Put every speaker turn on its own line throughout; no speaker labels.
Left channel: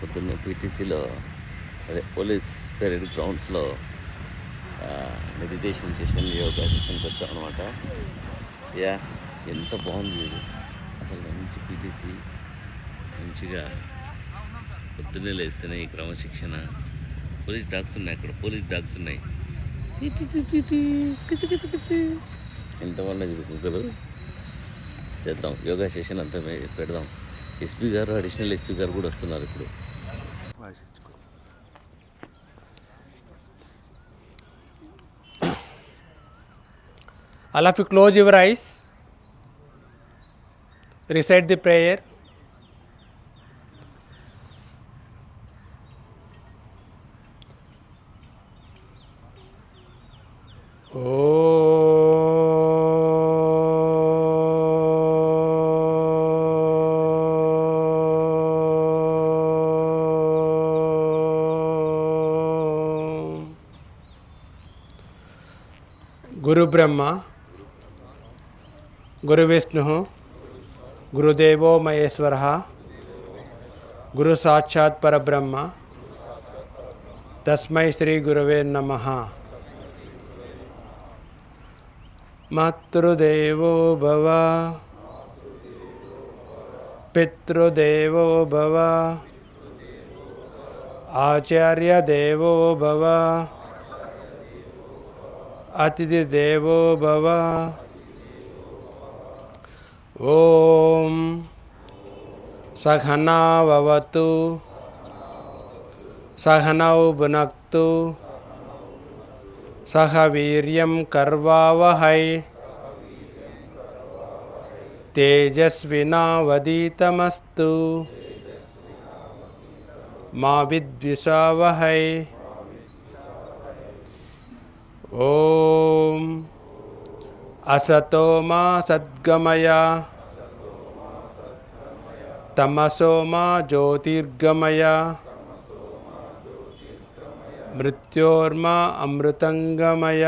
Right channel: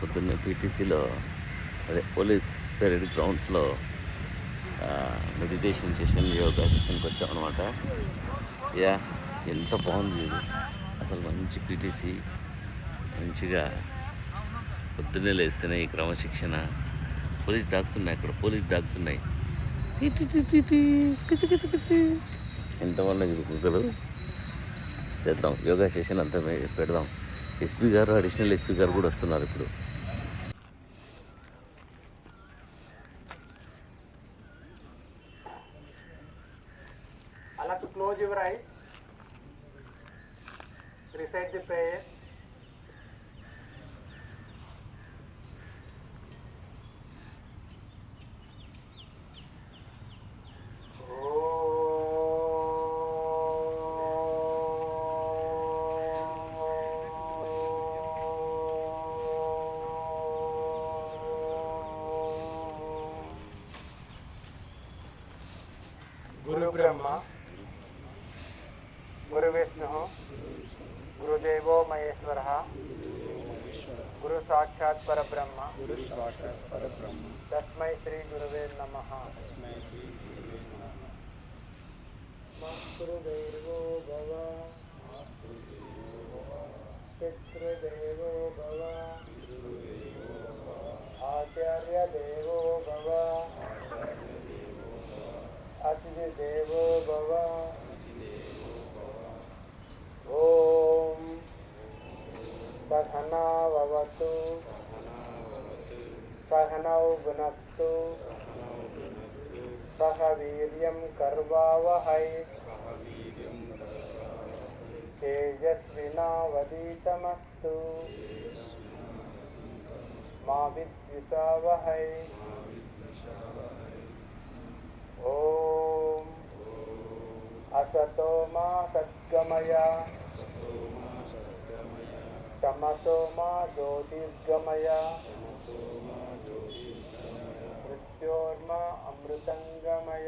పొద్దున్న పీటీసీలో అదే పోలీస్ పెరేడ్ గ్రౌండ్స్లో మెడిటేషన్ సెషన్ యోగా సెషన్కి వచ్చాం అనమాట యా ఎంత బాగుంది ఇది. అసలు మంచి పీటీసీ. మంచిగా పొద్దున్నే లేస్తున్నాయి ఈ క్రమశిక్షణ. పోలీస్ డాగ్స్ ఉన్నాయి అక్కడ పోలీస్ డాగ్స్ ఉన్నాయి. టీ టీ కిచి కిచి కిచి. ఎంతమంది కుక్కలు చేద్దాం యోగా సెషన్ అంతా పెడదాం. ఎస్పీ గారు అడిషనల్ ఎస్పీ గారు కూడా వస్తున్నారు ఇప్పుడు.
All of you close your eyes. Recite the prayer. Om. గురు బ్రహ్మ गुरु विष्णु गुरुदेव महेश्वर। गुरु साक्षात् परब्रह्म। तस्म श्री गुरव नम। मातृदेवो भव। पितृदेव भव। आचार्यदेवो भव। अतिथिदेव भव। ॐ सघना भवतु सहनौ भुनक्तु सह वीर्यं कर्वावहै। तेजस्विनावदितमस्तु मा विद्विषावहै। ओ असतो मा सद्गमय। तमसो मा ज्योतिर्गमय। मृत्योर्मा अमृतंगमय।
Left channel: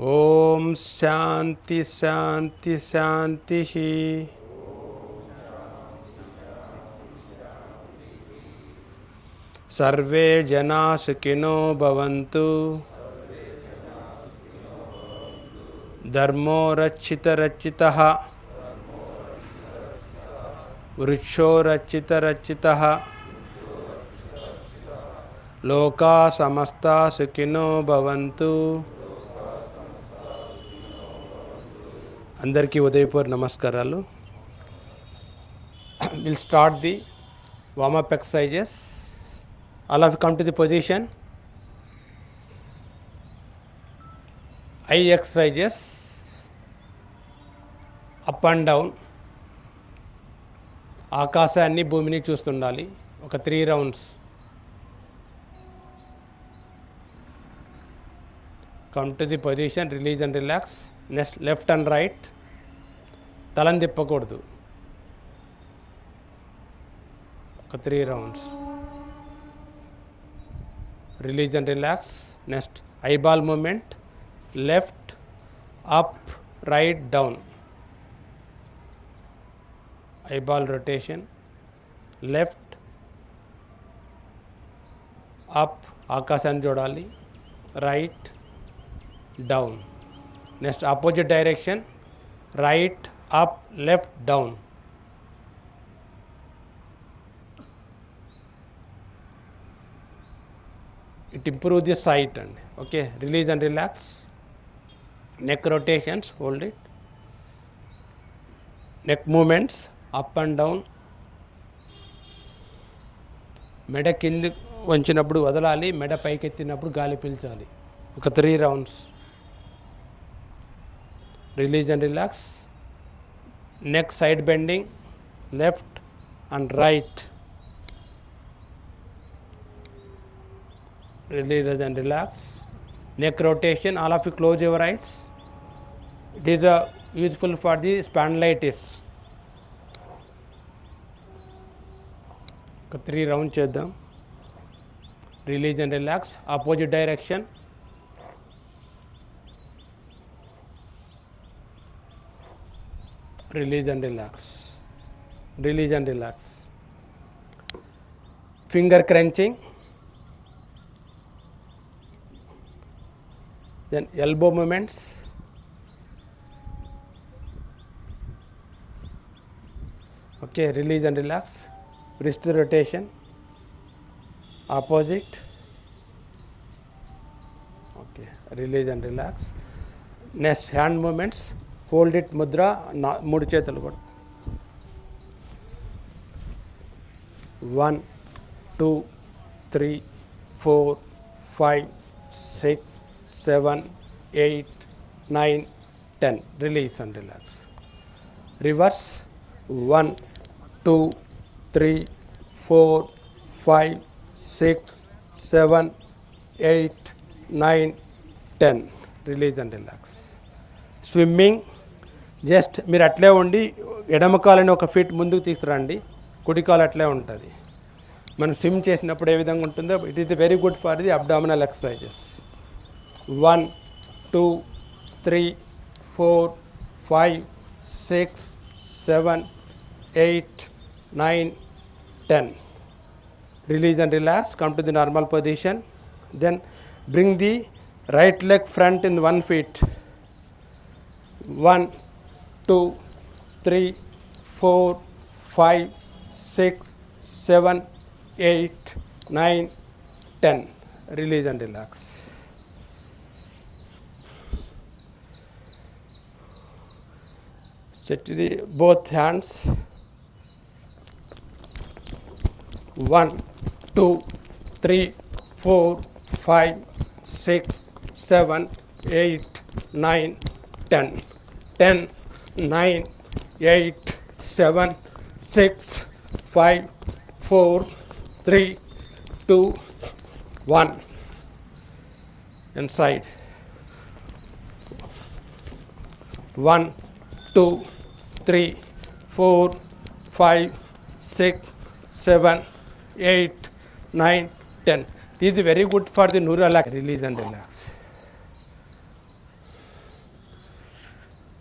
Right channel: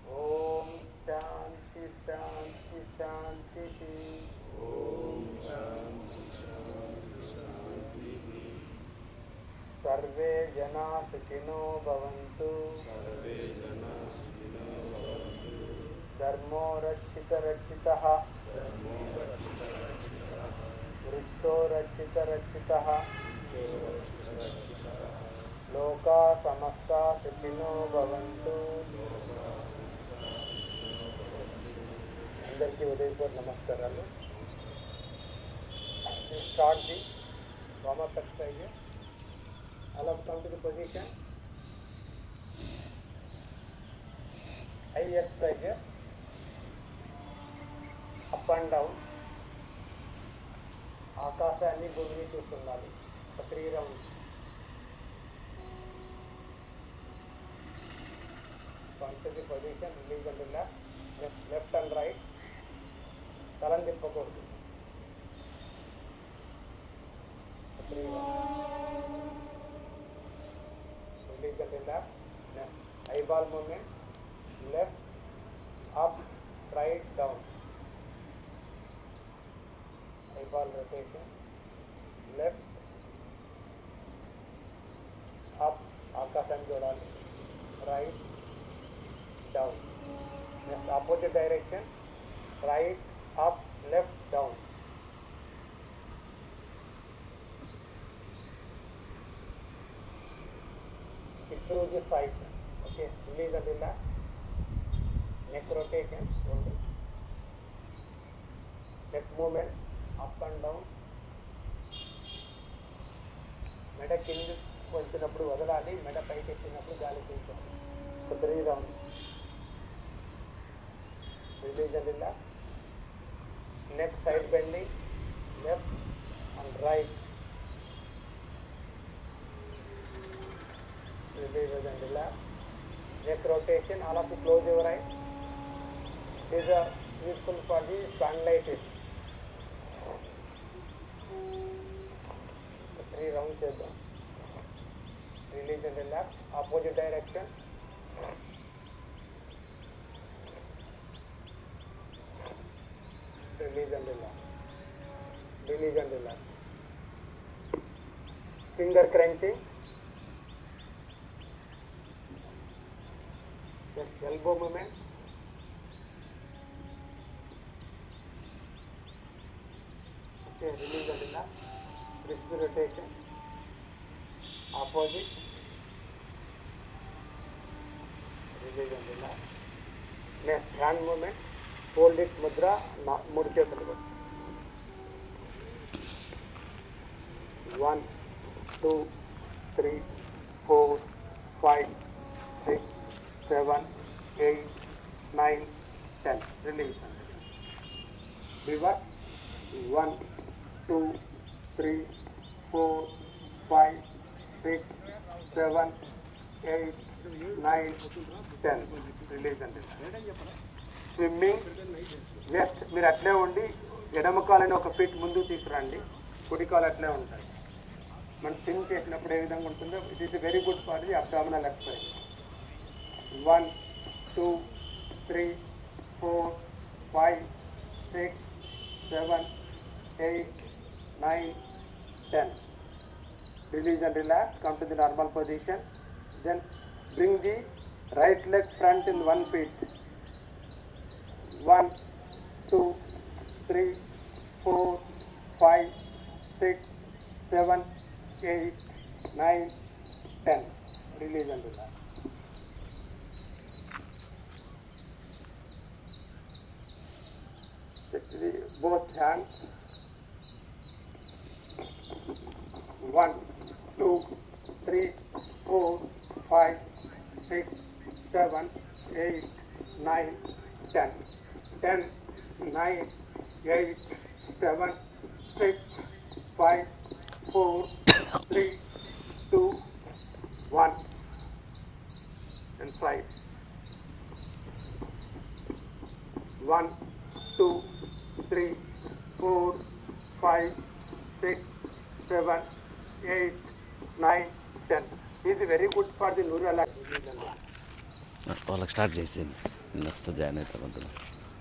ओम शांति शांति शांति ही। సర్వే జనా సుఖినో భవంతు. ధర్మో రక్షిత రక్షిత. వృక్షో రక్షిత రక్షిత. లోకా సమస్త సుఖినో భవంతు. అందరికీ ఉదయపూర్ నమస్కారాలు. Will start the warm up exercises all of you come to the position. Eye exercises. Up and down ఆకాశాన్ని భూమిని చూస్తుండాలి. ఒక three rounds come to the position release and relax next left and right తలం తిప్పకూడదు. ఒక three rounds release and relax next eyeball movement left up right down eyeball rotation left up ఆకాశాన్ని చూడాలి right down next opposite direction right up left down it improve the sight అండి. Okay release and relax neck rotations hold it neck movements up and down మెడ కింది వంచినప్పుడు వదలాలి మెడ పైకి ఎత్తినప్పుడు గాలి పీల్చాలి. ఒక three rounds release and relax neck side bending left and right release and relax. Neck rotation, all of you close your eyes. It is uh, useful for the spondylitis. ఒక three round చేద్దాం release and relax opposite direction release and relax. Release and relax. Finger crunching. Then elbow movements. Okay, release and relax. Wrist rotation. Opposite. Okay, release and relax. Next hand movements hold it mudra నా మూడు చేతులు కూడా one two three four five six seven eight nine ten. Release and relax. Reverse one two three four five six seven eight nine ten. Release and relax. Swimming just మీరు అట్లే ఉండి ఎడమ కాలని ఒక feet ముందుకు తీసుకురండి. కుడి కాలు అట్లే ఉంటుంది. మనం స్విమ్ చేసినప్పుడు ఏ విధంగా ఉంటుందో it is very good for the abdominal exercises one two three four five six seven eight nine ten release and relax. Come to the normal position. Then bring the right leg front in one feet. One, two, three, four, five, six, seven, eight, nine, ten. release and relax. Set to the both hands one, two, three, four, five, six, seven, eight, nine, ten. Ten, nine, eight, seven, six, five, four, three, two, one. Inside. One, two, four, five, six, seven, eight, nine, ten. Is very good for the neural ac- release and relax.
వాళ్ళకి start చేసేయండి. Join అవుతారు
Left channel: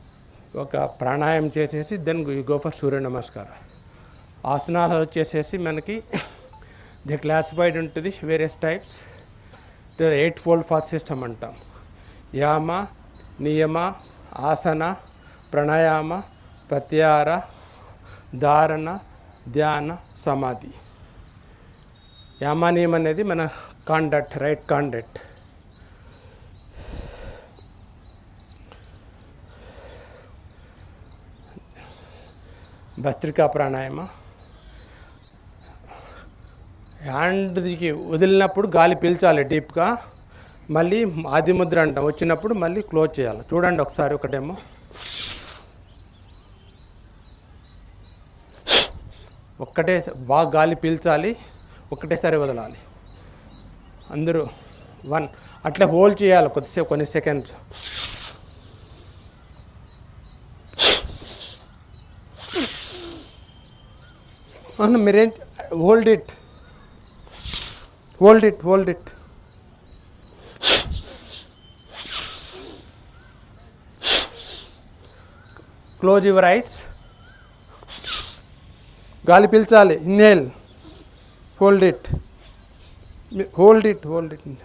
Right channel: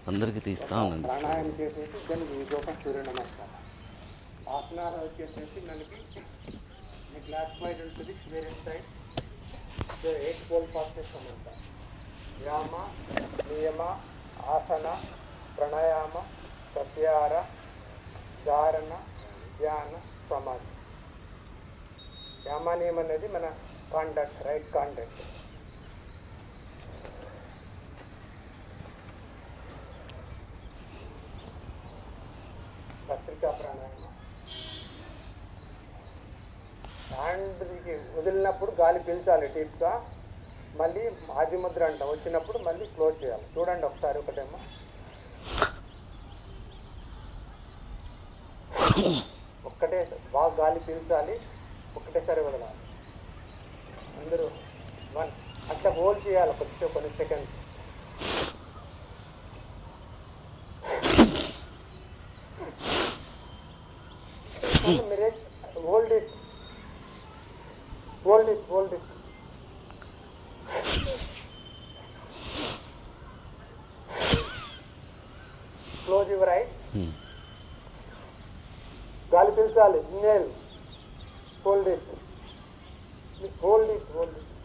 అందరికీ
ప్రాణాయామం చేసేసి then go for సూర్య నమస్కారం. ఆసనాలు వచ్చేసేసి మనకి ది క్లాసిఫైడ్ ఉంటుంది various types. Eight fold fast system అంటాం. యామ నియమ ఆసన ప్రాణాయామ ప్రత్యార ధారణ ధ్యాన సమాధి. యామానియం అనేది మన కాండక్ట్ రైట్ కాండక్ట్ భస్త్రికా ప్రాణాయామ. హ్యాండ్కి వదిలినప్పుడు గాలి పీల్చాలి డీప్గా మళ్ళీ ఆది ముద్ర అంటాం. వచ్చినప్పుడు మళ్ళీ క్లోజ్ చేయాలి. చూడండి ఒకసారి ఒకటేమో. ఒక్కటే బాగా గాలి పీల్చాలి ఒక్కటేసారి వదలాలి. అందరూ వన్ అట్లా హోల్డ్ చేయాలి కొద్దిసేపు కొన్ని సెకండ్స్. మీరేం hold it. Hold it hold it. Close your eyes. Hmm. గాలి పీల్చాలి. Inhale hold it hold it hold it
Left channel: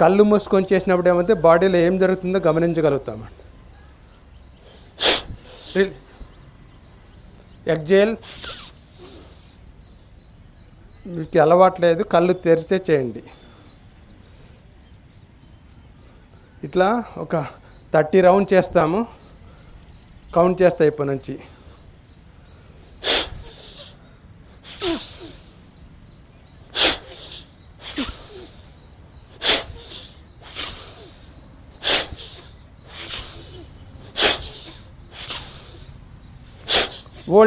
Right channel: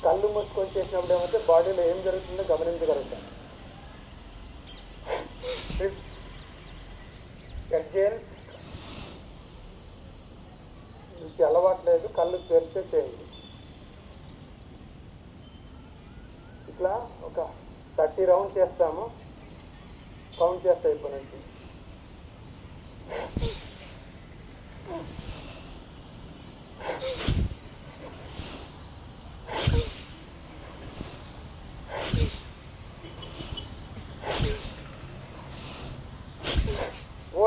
కళ్ళు మూసుకొని చేసినప్పుడు ఏమైతే బాడీలో ఏం జరుగుతుందో గమనించగలుగుతాం. ఎగ్జేల్ మీకు అలవాట్లేదు కళ్ళు తెరిచే చేయండి. ఇట్లా ఒక థర్టీ రౌండ్ చేస్తాము. కౌంట్ చేస్తా ఇప్పటి నుంచి.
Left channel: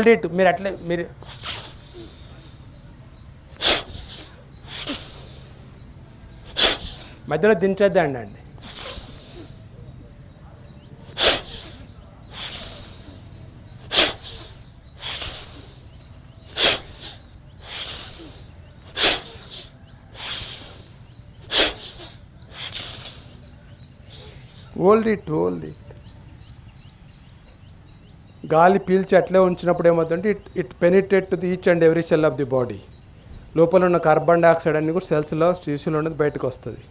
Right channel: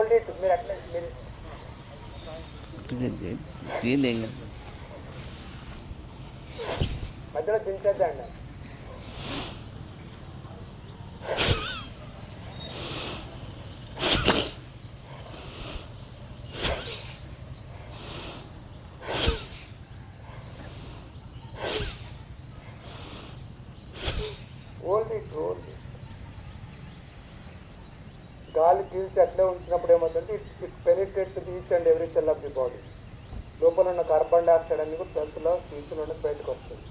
ఓల్డ్ ఇట్ మీరు అట్లే మీరు
చేయండి ఏం కాదు.
మధ్యలో దించొద్దండి అండి హోల్డ్ ఇట్ హోల్డ్ ఇట్ గాలి పీల్చి అట్లే ఉంచినప్పుడు ఏమవుతుందంటే it it penetrate to the each and every cell of the body. లోపల ఉన్న కార్బన్ డైఆక్సైడ్ అన్ని కూడా సెల్స్లో స్టీసులో ఉన్నది బయటకు వస్తుంది.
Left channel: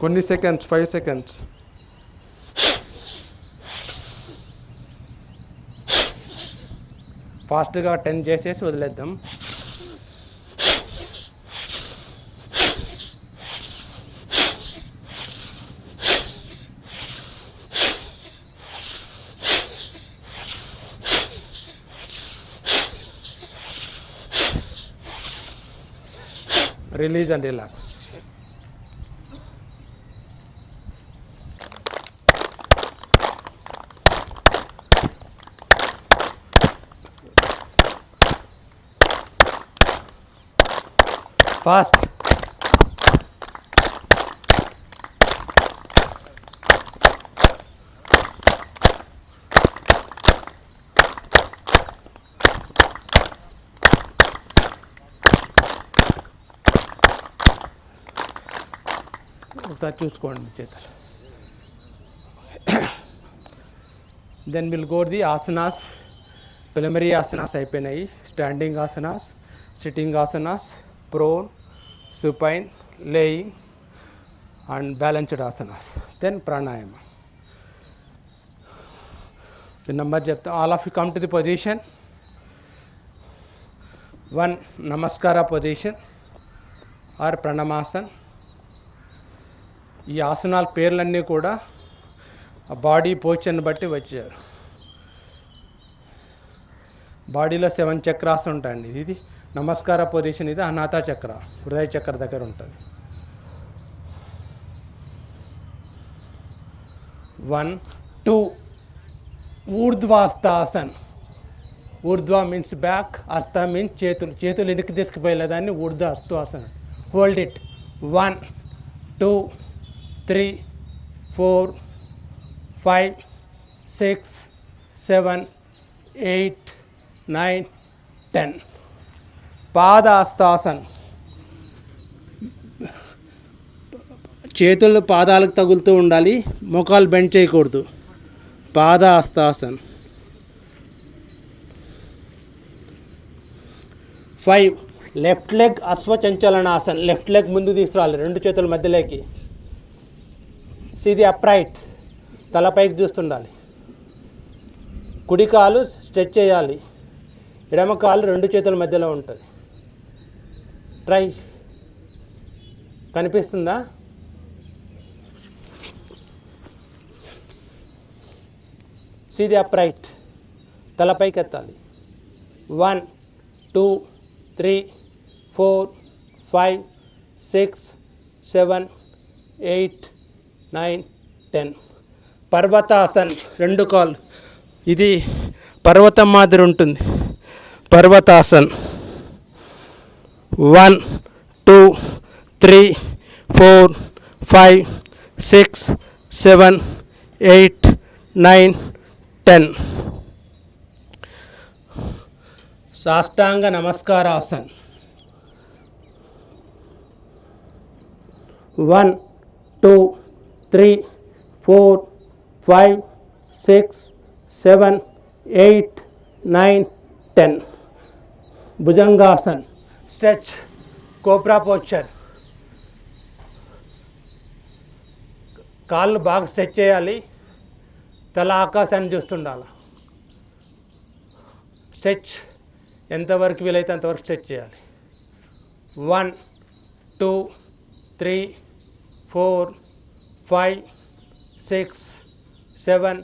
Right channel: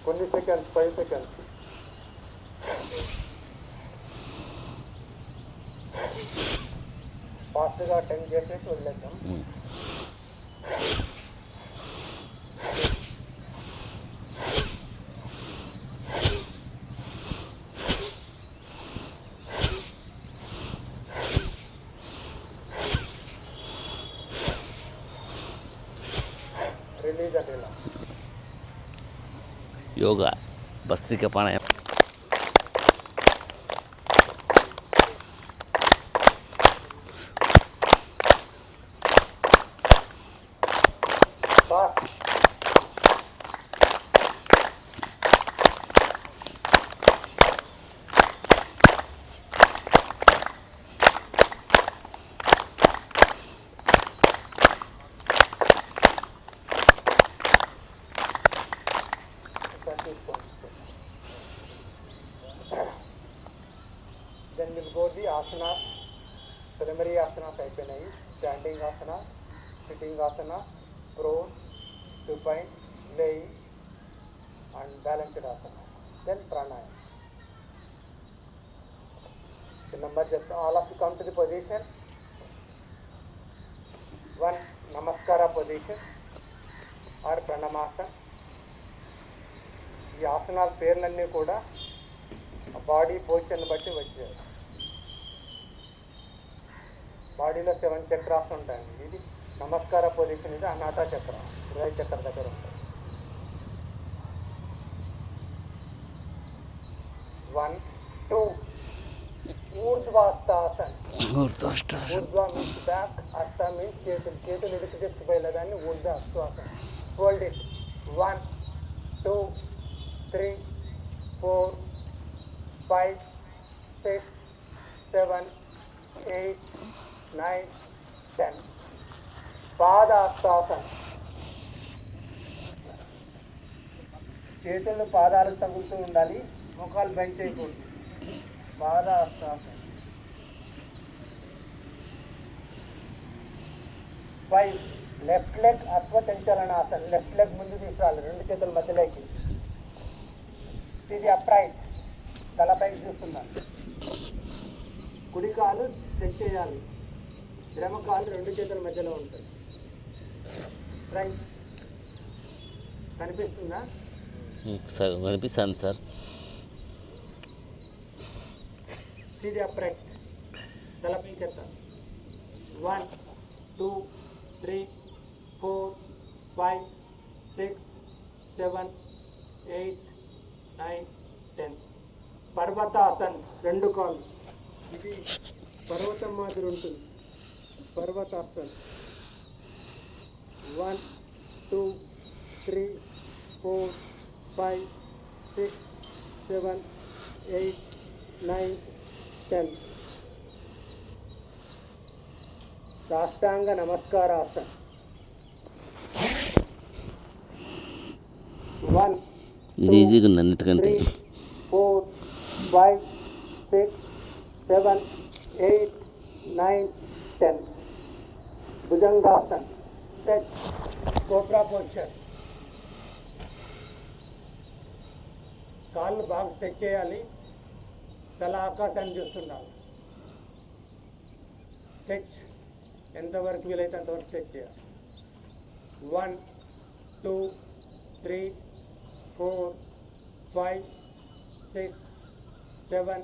కొన్ని సెకండ్స్ ఫైవ్ సెకండ్స్. ఫాస్ట్గా టెన్ చేసేసి వదిలేద్దాం. రిలీజ్ అండ్ రిలాక్స్
యోగా భస్త్రిక ప్రాణాయామం
ఒకసారి చూసుకోండి then will go the asanas preliminary asanas అయిపోయినాయి. Standing asanas sitting asanas prone supine laying and balanced asanas then ప్రాణాయామం నెంబర్ చెప్తా. All of you come to the position one నమస్కార position or ప్రణమాసన్ ఈ ఆసనాల పేర్లన్నీ కూడా బాడీ పోచర్ని బట్టి వచ్చారు. బాడీలో సెవెన్ చక్రాస్ ఉంటాయండి. ఇది నమస్కార పొజిషన్ ఇది అనాథ చక్ర హృదయ చక్ర దగ్గర ఉంటుంది. వన్ టూ ఊర్ధ్వాస్తాసన్. ఊర్ధ్వ మీన్స్ బ్యాక్ అస్త మీన్స్ చేతులు చేతులు ఎదుకు తీసుకుపోయేదాన్ని ఊర్ధ్వ అస్తాసన్ hold it one two three four five six seven eight nine ten. పాదాస్తాసన్. చేతులు పాదాలకు తగులుతూ ఉండాలి ముఖాలు బెండ్ చేయకూడదు. పాదాస్తాసన్. ఫైవ్ లెఫ్ట్ లెగ్ అశ్వచంచలనాసన్. లెఫ్ట్ లెగ్ ముందు తీసుకురావాలి రెండు చేతుల మధ్యలోకి. సిది అప్రైట్ తలపైకి చూస్తుండాలి. కుడి కాలు స్ట్రెచ్ చేయాలి. ఎడమ కాలు రెండు చేతుల మధ్యలో ఉంటుంది. ట్రై. కనిపిస్తుందా?
సార్ కనిపిస్తాను సార్.
సిది అప్రైట్ తలపైకి ఎత్తాలి one two three four five six seven eight nine ten. పర్వతాసన్ రెండు కాళ్ళు ఇది పర్వతం మాదిరి ఉంటుంది. పర్వతాసన్. One two three four five six seven eight nine ten. సాష్టాంగ నమస్కారాసన్.
One two
three four five six seven eight nine ten. Bhujangasan stretch cobra posture కాళ్ళు బాగా stretch చేయాలి. తల ఆకాశాన్ని చూస్తుండాలి. స్ట్రెచ్ ఎంతవరకు వీలైతే అంతవరకు స్ట్రెచ్ చేయాలి. One two three four five six seven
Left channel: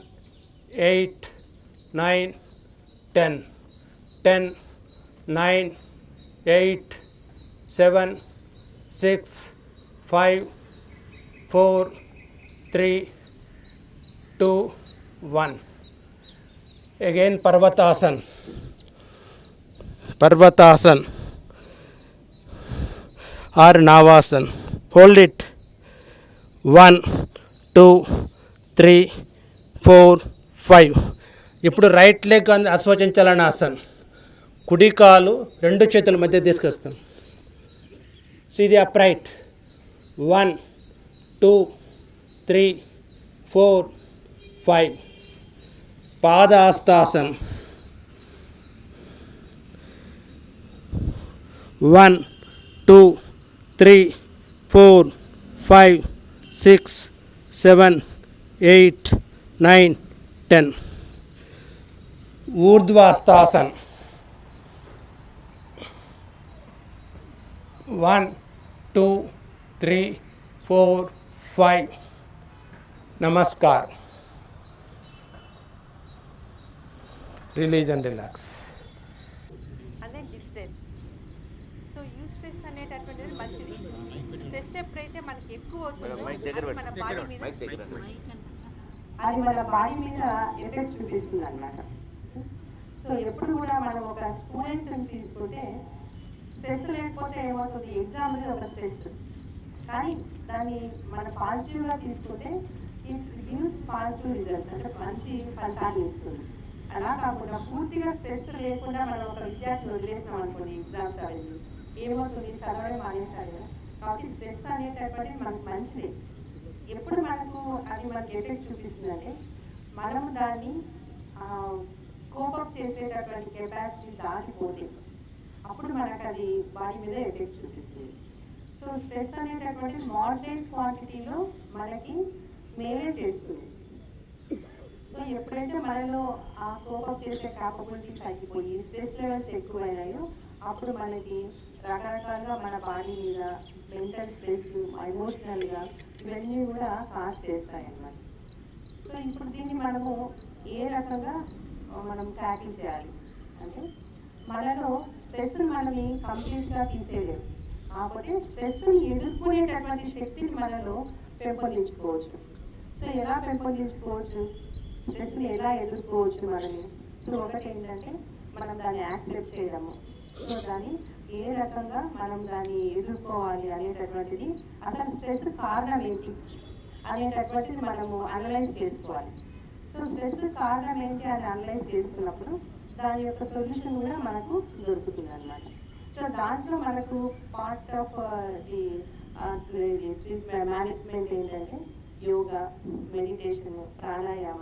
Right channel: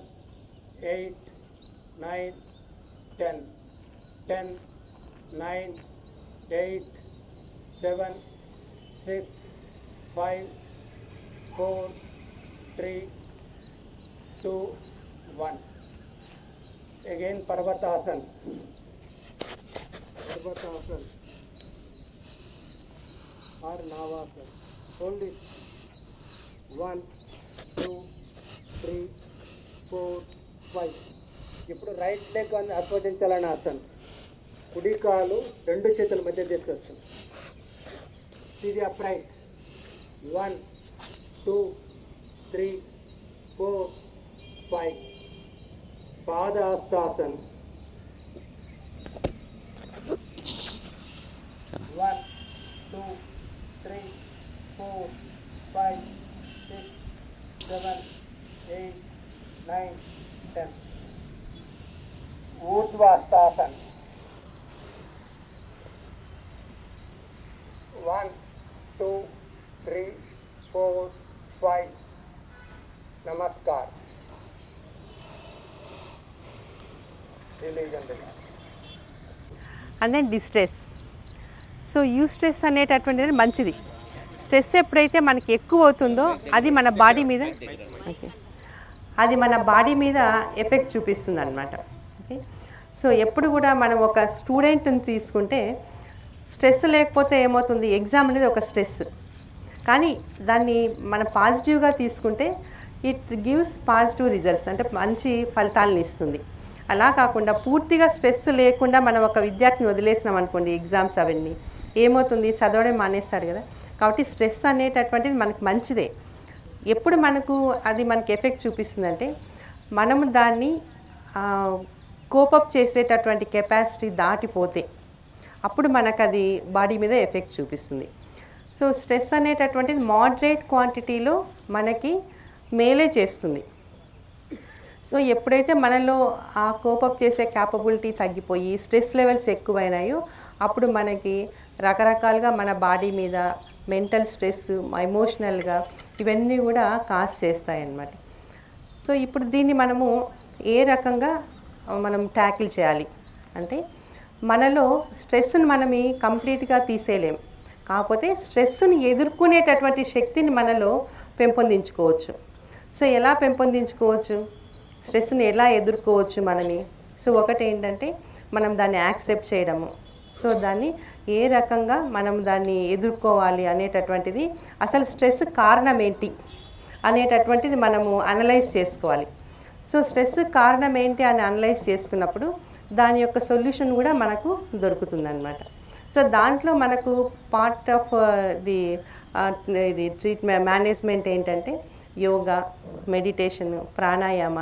eight nine ten ten nine eight seven six five four three two one again పర్వతాసన్ పర్వతాసన్ or నావాసన్ hold it one two three four five. ఇప్పుడు right leg అని అశ్వచించాలని ఆసన్ కుడి కాలు రెండు చేతుల మధ్య తీసుకొస్తాం ఇది upright one two three four five పాదాస్తాసన్. One two three four five six seven eight nine ten. ఊర్ధ్వాస్తాసన్. One two three four five. Namaskar. Release and relax.
And then distress so you stress అనేటటువంటిది మంచిది. స్ట్రెస్ ఎప్పుడైతే మనకి ఎక్కువ అవుతుందో అది మన body మీద అది మన బాడీ మీద ఎఫెక్ట్ చూపిస్తుంది అనమాట ఓకే. సో ఎప్పుడు కూడా మనం ఒక స్టూడెంట్ని తీసుకుంటే స్ట్రెస్ లేకపోతే ఏమవుతుంది? ఎగ్జామ్ అనేది ఒక స్ట్రెస్. కానీ దాన్ని మనం పాజిటివ్గా తీసుకుంటే ఇట్ గివ్స్ పాజిటివ్ రిజల్ట్స్ అంటే మంచి ఫలితాలను ఇస్తుంది. అలా కాకుండా పూర్తిగా స్ట్రెస్ లేకుండా మనం ఒక విద్యార్థిని వదిలేసినాం అనుకోండి ఎగ్జామ్స్ అవన్నీ. ఏమవుతుంది? చదవడం మానేస్తాడు కదా. కాబట్టి స్ట్రెస్ అనేటటువంటిది మనకు మంచిదే. ఎప్పుడు మనకు అది మనకి ఎఫెక్ట్ చూపిస్తుందంటే మనము దాన్ని కోపప్ చేసేటటువంటి కెపాసిటీ దాటిపోతే అప్పుడు మనకు అది బాడీ మీద ఎఫెక్ట్ చూపిస్తుంది. సో స్ట్రెస్ అనేటటువంటిది మోడరేట్ క్వాంటిటీలో మనకి మేలే చేస్తుంది. సో ఎప్పుడైతే మనలో ఆ కోపప్ చేసే క్యాపబిలిటీ తగ్గిపోయి స్ట్రెస్ లెవెల్స్ ఎక్కువైనాయో అప్పుడు మనకి రకరకాలుగా మన బాడీ మీద మెంటల్ స్ట్రెస్ ఎమోషనల్గా ఇవన్నీ కూడా కాజ్ చేస్తాయి అన్నమాట సో ఇప్పుడు దీన్ని మనము ఏ రకంగా మనం ట్యాకిల్ చేయాలి? అంటే మనలో స్ట్రెస్ని మనం కంప్లీట్గా తీసేయలేం. కాకపోతే స్ట్రెస్ని ఎదుర్కొనేటటువంటి శక్తిని మనలో పెంపొందించుకోవచ్చు. సో ఎలా పెంపొందించుకోవచ్చు? స్ట్రెస్ని ఎలా ఎదుర్కోవచ్చు మనని? సో ఒకటి ఏంటంటే మనం దాన్ని యాక్సెప్ట్ చేయడము. సో దాన్ని ఏ రకంగా మనం దాన్ని ఎదుర్కోవాలి అనేటటువంటిది అసలు స్ట్రెస్ కారణం ఏంటి అనేటటువంటిది మనము అనలైజ్ చేసుకోవాలి. సో స్ట్రెస్ కారణం ఏంటి అని అనలైజ్ చేసుకున్నప్పుడు దాని యొక్క సొల్యూషన్ కూడా మనకు దొరుకుతుందన్నమాట. సో దాంట్లో మనకు పార్ట్ ఆఫ్ ది ఇది ట్రీట్మెంట్ మేనేజ్మెంట్ ఏంటంటే యోగా మెడిటేషన్ ప్రాణాయామ.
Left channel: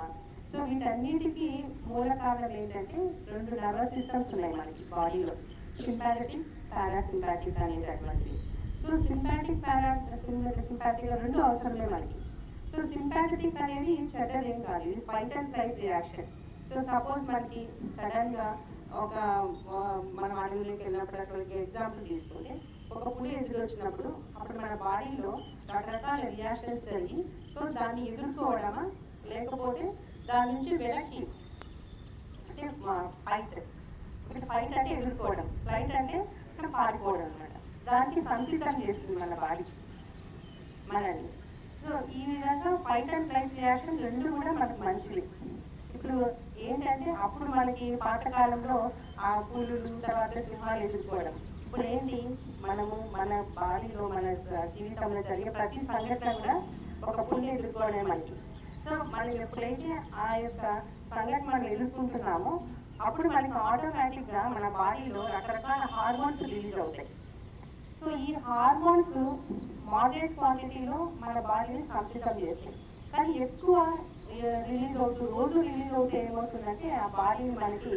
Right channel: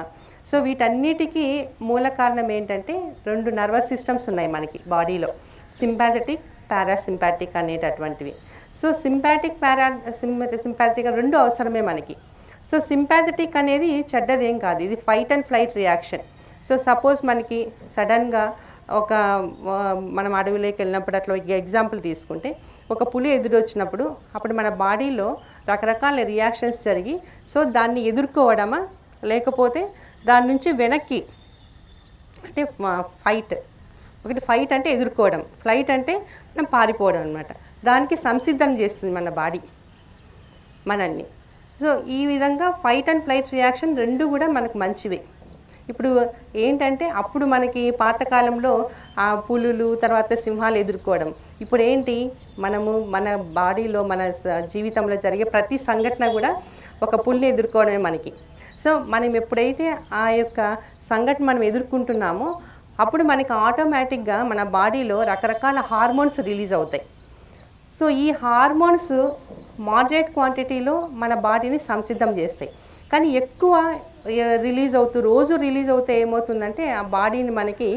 సో వీటన్నిటికీ మూల కారణం ఏంటంటే రెండు నర్వస్ సిస్టమ్స్ ఉన్నాయి మనకి బాడీలో. సింపాథటిక్ పారాసింపాటిక్ అనేటటువంటివి. సో సింపాటిక్ పారా సింపాథటిక్ రెండు అవసరమే మనకి. సో సింపాథటిక్ అనేది చెడ్డదేం కాదు. ఇది fight and flight reaction so suppose మనకి సడన్గా ఒక మనం అడవిలోకి వెళ్ళినప్పుడు అట్లా ఎగ్జాంపుల్ తీసుకుంటే ఒక పులి ఎదురొచ్చినప్పుడు అప్పుడు మన బాడీలో రకరకాల రియాక్షన్స్ జరిగి సో దాన్ని ఎదుర్కోవడమా? లేకపోతే దాని నుంచి వెనక్కి అంటే ఫైట్ ఒకటి ఫైట్ అంటే ఎదుర్కోవడం. ఫ్లైట్ అంటే మనం పారిపోవడం అనమాట దానికి సంసిద్ధం చేస్తుంది మన బాడీ మనల్ని. సో ఈ విధంగా ఫైట్ అండ్ ఫ్లైట్ రియాక్షన్ రెండు కూడా మనకు మంచివే. ఇప్పుడు ఏంటంటే అప్పుడు మనకి పాతకాలంలో ఆ పులులు తర్వాత సింహాలు ఎదుర్కోవడం. ఇప్పుడు ఏంటి? మనము మన బాడీలో మన జీవితంలో జరిగే ప్రతి సంఘటన కూడా ఒక పుల్ని ఎదుర్కోవడమే మనకి. సో మనం ఎప్పుడైతే ఆ యొక్క సంఘటన మనం ఎదుర్కొంటున్నామో అప్పుడు మనకి ఆటోమేటిక్గా మన బాడీలో రకరకాల హార్మోన్స్ రిలీజ్ అవుతాయి. సో ఈ హార్మోన్స్ మాడరేట్ క్వాంటిటీలో మన బాడీని సంసిద్ధం చేస్తాయి. కానీ ఎక్కువ రిలీజ్ అవుతూ రోజు రిలీజ్ అవుతే ఏమవుతుందంటే ఆ బాడీని మనకి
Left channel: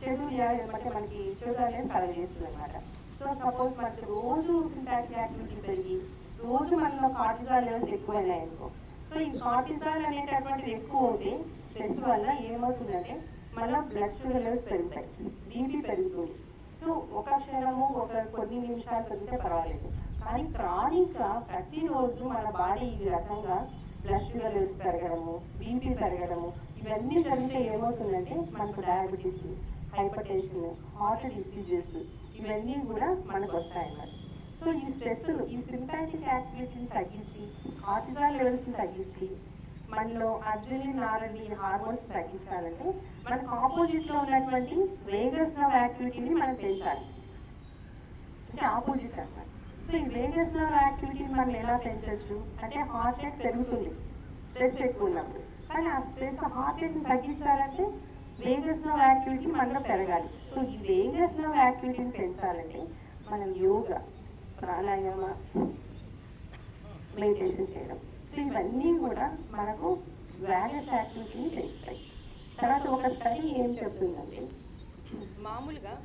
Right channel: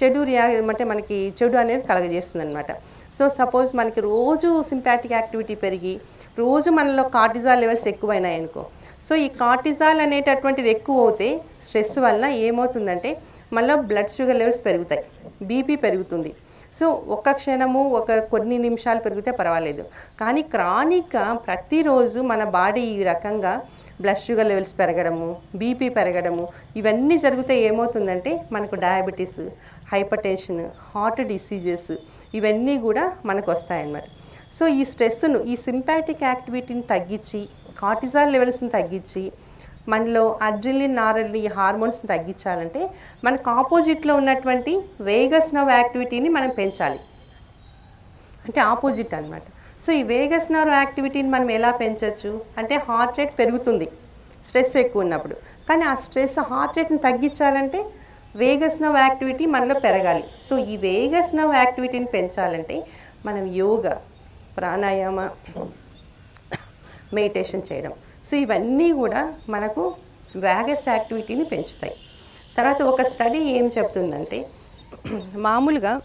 చెడు రియా అంటే మనకి చెడు అనేది కలగజేస్తుంది అనమాట సో సపోజ్ మనకి రోజు సింపాటిక్ యాక్టివిటీ పెరిగి రోజు మనలో కార్టిజాల్ లెవెల్స్ ఎక్కువైనాయి అనుకో సో ఈ కార్టిజాల్ అనేటటువంటిది ఎక్కువ అవుతే స్ట్రెస్ వల్ల ఏమవుతుందంటే మళ్ళీ బ్లడ్ షుగర్ లెవెల్స్ పెరుగుతాయి. బీపీ పెరుగుతుంది. సో ఒక్క క్షణము ఒక కొన్ని నిమిషాలు పెరిగితే పర్వాలేదు. కానీ క్రానిక్గా ప్రతిరోజు మన బాడీ ఈ రకంగా బ్లడ్ షుగర్ లెవెల్స్ పెరగడము బీపీ పెరగడము ఇవన్నీ జరిగితే ఏమవుతుందంటే మనకు diabetes hypertension heart diseases ఇవన్నీ కూడా మనకు వస్తాయన్నమాట. సో ఈ స్ట్రెస్ను ఈ సింపాటిక్ యాక్టివిటీని తగ్గించి కార్టిజాల్ లెవెల్స్ని తగ్గించి మనలో అడ్రిలిన్ నారలిన్ ఈ హార్మోన్స్ని తగ్గించాలంటే మనకు ఆపోజిట్లో ఉన్నటువంటి వేగస్ నవ్ యాక్టివిటీని మనం పెంచాలి. అంటే ఆపోజిట్ అన్నమాట. సో ఈ వేగస్ నర్వ్ యాక్టివిటీని మనం ఎలా పెంచవచ్చు అంటే హార్ట్ రేట్ పెరుగుతుంది. స్ట్రెస్ ఎక్కువ ఉన్నప్పుడు. కానీ ఆ స్ట్రెస్ హార్ట్ రేట్ని తగ్గించాలంటే వేగస్ నవ్ యాక్టివిటీ మనలో పెరగాలి. సో ఈ వేగస్ నవ్ యాక్టివిటీని పెంచాలంటే మనం యోగా ప్రాణాయామ మెడిటేషన్ చేయడం. సో ఇవన్నీ కూడా మనకు వ్యాగస్ యాక్టివిటీని పెంచుతాయి. తర్వాత ఒక స్టడీ ఏం చెప్తుందంటే మామూలుగా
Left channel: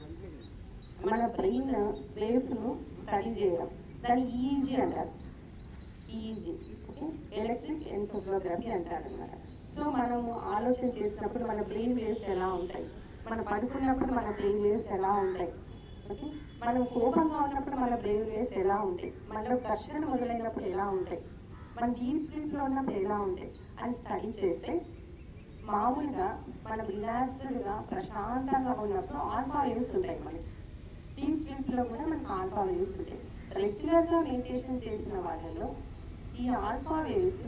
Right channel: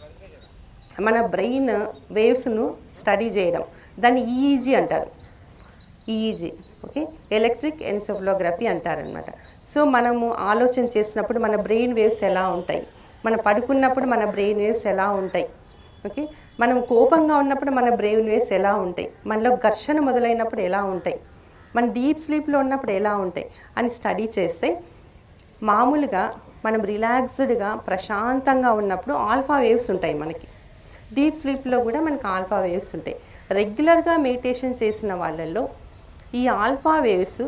మన బ్రెయిన్ వేవ్స్ను స్టడీ చేయడం. దాన్ని ఈఈజీ అంటారు. EEG okay? ఎలక్ట్రిక్ ఎన్సెఫ్లోగ్రఫీ అంటారనమాట. సో మనము ఆలోచన చేసినప్పుడు మన బ్రెయిన్ వేవ్స్ ఎలా ఉంటాయి? మనం పడుకున్నప్పుడు మన బ్రెయిన్ వేవ్స్ ఎలా ఉంటాయి? ఓకే? మనం కోపంగా ఉన్నప్పుడు మన బ్రెయిన్ వేవ్స్ ఎలా ఉంటాయి? మనలో ఘర్షణ మొదలైనప్పుడు ఎలా ఉంటాయి? మన డీప్ స్లీప్లో ఉన్నప్పుడు ఎలా ఉంటాయి అని స్టడీ చేస్తే మామూలుగా మనం రిలాక్స్డ్గా ప్రశాంతంగా ఉన్నప్పుడు ఆల్ఫా వేవ్స్ ఉంటాయి మనకి. డీప్ స్లీప్లో కూడా మనకి ఆల్ఫా వేవ్స్ ఉంటాయి. రెగ్యులర్గా మెడిటేషన్ చేసిన వాళ్ళల్లో ఈ ఆల్ఫా వేవ్స్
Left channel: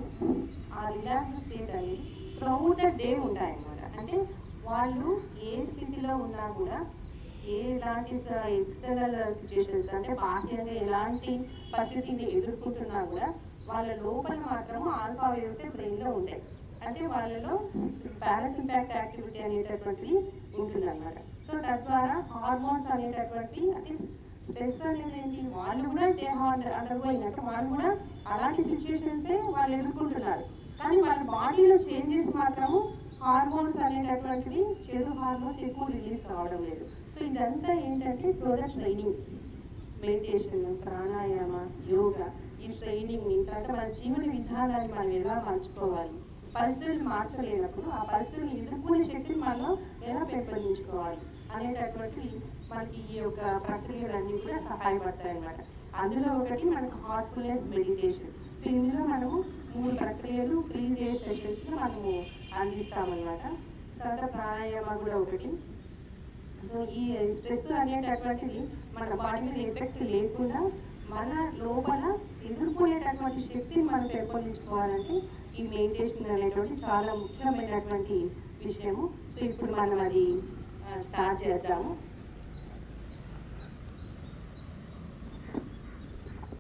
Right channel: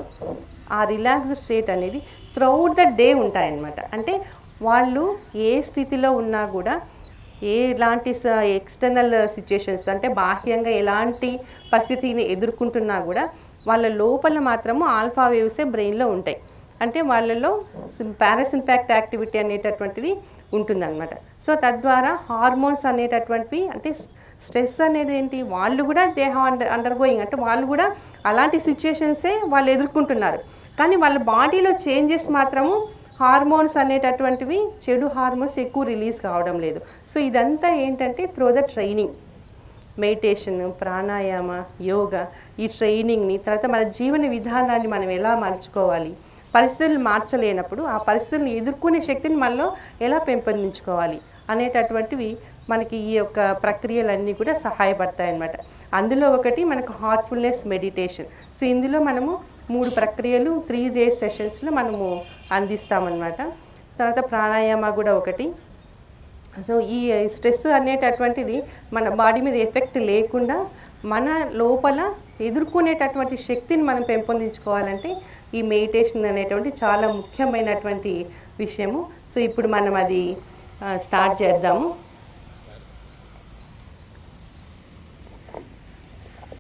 ఆ రిలాక్స్డ్ స్టేట్ అనేది త్రౌట్ ద డే ఉంటాయన్నమాట. అంటే వాళ్ళు ఏ స్థితిలో ఉన్నా కూడా ఏ ఎలాంటి ఎక్స్టర్నల్ సిచ్యుయేషన్స్ అంటే బాహ్యంగా ఎలాంటి పరిస్థితిని ఎదుర్కొంటున్నా కూడా వాళ్ళ లోపల మాత్రము ఆల్ఫా వేవ్సే బ్రెయిన్లో ఉంటాయి. అంటే వాళ్ళలో పారాసింపాక్ట్ యాక్టివిటీ అనేటటువంటిది ఉంటుందన్నమాట. సో తద్వారా హార్మోన్స్ అనేటటువంటివి అంటే స్ట్రెస్ అనేది ఏంటి? వాళ్ళు కూడా దేహం అండర్ అండర్గోయింగ్ అంటే వాళ్ళు కూడా అలాంటి సిచ్యుయేషన్సే వాళ్ళు ఎదుర్కొంటున్నారు. కానీ వాళ్ళ బాడీలో చేంజెస్ మాత్రము హార్మోన్స్ అనేటటువంటివి చెడు హార్మోన్స్ ఎక్కువ రిలీజ్ కావడం లేదు. సో ఇదంతా ఏంటంటే త్రో ద ట్రైనింగ్. మెడిటేషన్ ప్రాణాయామ యోగా ఈ ట్రైనింగ్ని తర్వాత మన జీవన విధానాన్ని మనం ఎలా మలుచుకోవాలి పరిస్థితులు మార్చలేనప్పుడు ఆ పరిస్థితులను ఎదుర్కొనే శక్తిని మనలో ఎలా పెంపొందించుకోవాలి? అనేటటువంటివి మనకి ఈ యొక్క ప్రక్రియలన్నీ కూడా సహాయపడతాయి అన్నమాట అందులో ఒకటి మనకు హార్ట్ఫుల్నెస్ మెడిటేషన్ సో ఇందులో మనము మూడు ప్రక్రియలు త్రీ డేస్ సెషన్స్లో మనము అందిస్తామన్నమాట. తర్వాత ప్రాణాయామ కూడా ఒకటి. సో ఈ స్ట్రెస్ అనేటటువంటిది మన బాడీ మీద ఎఫెక్ట్ లేకుండా మన లోపల ఎదుర్కొనేటటువంటి శక్తిని మనం పెంపొందించుకోవాలంటే ఈ మెడిటేషన్ అనేటువంటి చాలా ముఖ్యమైనటువంటి విషయము. సో ఇప్పుడు మనం అది స్టార్ట్ చేద్దాము.